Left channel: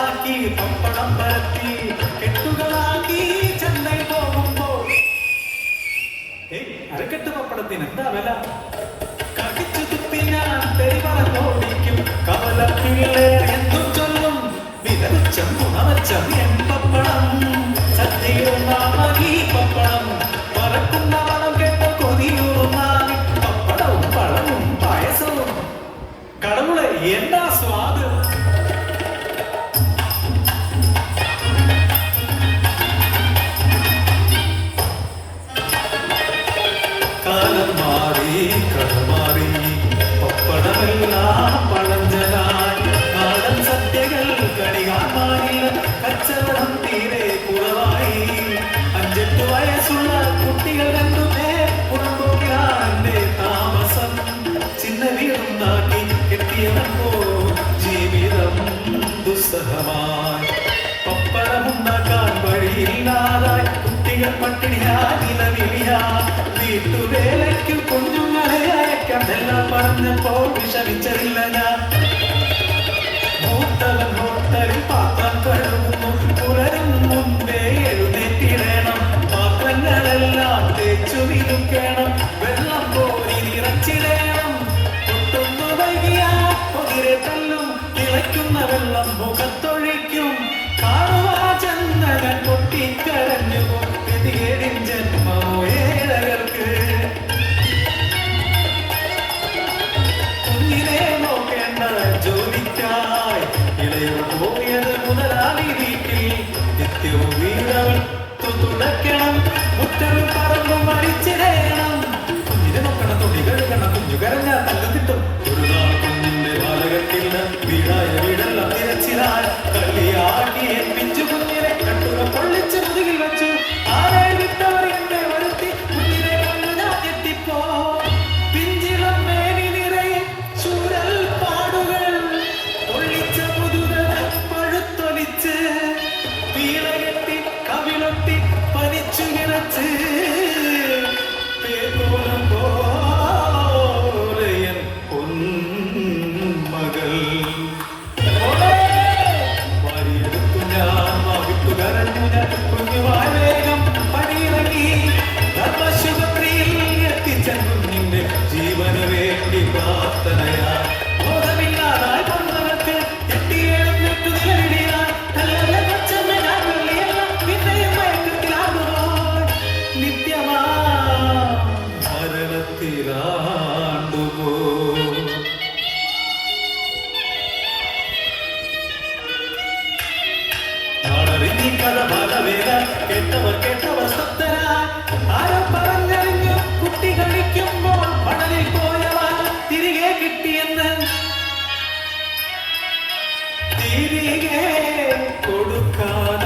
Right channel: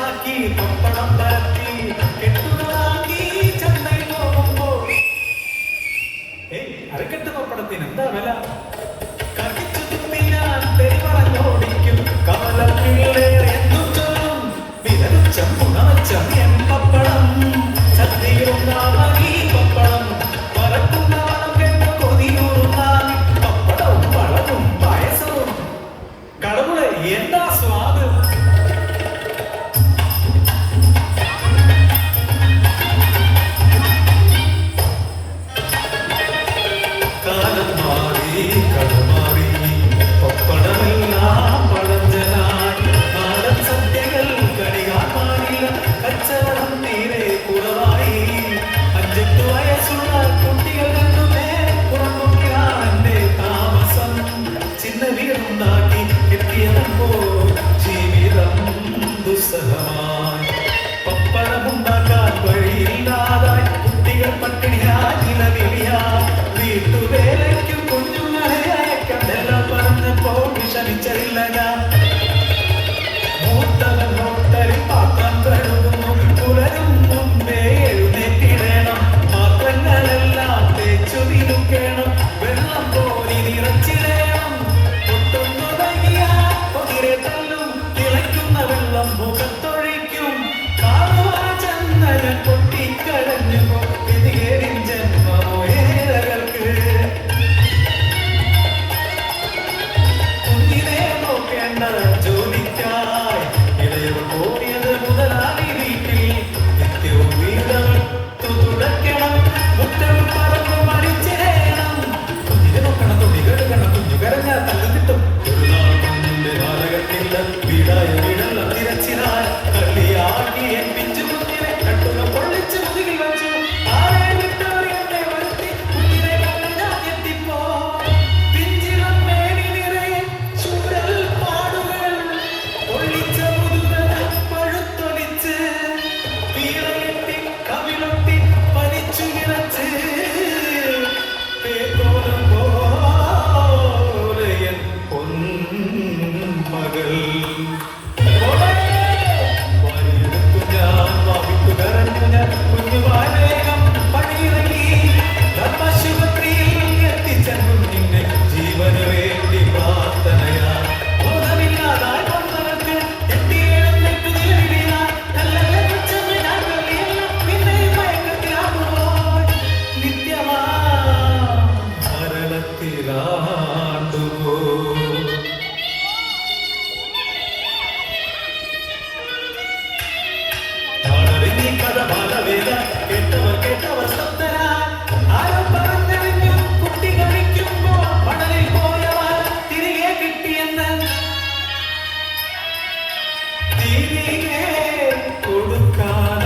ചാക്കി പപ്പടം പരത്തി കെട്ടുകളാക്കി ചെന്നൈ പോകുമ്പോൾ അരക്കെട്ട് പപ്പടത്തിന് എന്താ വില? കത്തിച്ചു തുപ്പിനാൽ തെരുവോടിക്കും കവലക്കിഴേ വിരച്ചം ഉണവച്ചം എങ്കപ്പടം സദ്യയുണ്ടായി പപ്പടം പറക്കുന്ന വളം കേട്ട കൊതിയൂർന്നാൽ പപ്പടവും പഴവും പായസവും കടവുളെ എന്താ സ്വാദ്? കാലം മാറി കടമാറി പപ്പടമെല്ലാം പഴഞ്ചനായി നാടൻ സദ്യകൾ കണികാമാറില്ല കച്ചവടം തീരെ കുറവായി 5-8 വയസ്സുള്ള കുട്ടികൾ എന്നുമേ പുറംപോക്കിയാണ് താമസം ചിന്ന വീടുണ്ടാക്കി എത്തിയപ്പോൾ ജീവിതം ദുസ്സഹമായി പപ്പടമുണ്ടാക്കാൻ വഴിയില്ലാതായി കുട്ടികൾ പട്ടിണിയാ വീട്ടുവേലയ്ക്ക് കുഞ്ഞുങ്ങളെയയക്കാൻ എല്ലാം പറഞ്ഞപ്പോ വിഷമിച്ചതില്ല ഞാൻ മൂത്തവൻ മൊത്തരും പാത്രം കഴുകുന്നു പുലരും മുമ്പേ എഴുന്നേറ്റിടണം പാത്രങ്ങളെല്ലാം തേച്ചു വിളിക്കണം വെള്ളം പോരി നിറച്ചിടണം പൊട്ടുന്നു വൈകിയാൽ പൊതിരെ തല്ലും തിളയ്ക്കുന്ന വെള്ളം മുഖത്തൊഴിക്കും കാണുവാ ചന്ദനം പൊട്ടിക്കരഞ്ഞു പിന്നീടിൻ ജന്മമോ കേട്ടവർ സത്തരാ ആരോ പറഞ്ഞറിഞ്ഞു കുട്ടി കളിക്കുമ്പോൾ പടലിൽ പോയവർ തിരികെ കിട്ടിയെന്ന് തിരികെ കൊടുക്കാൻ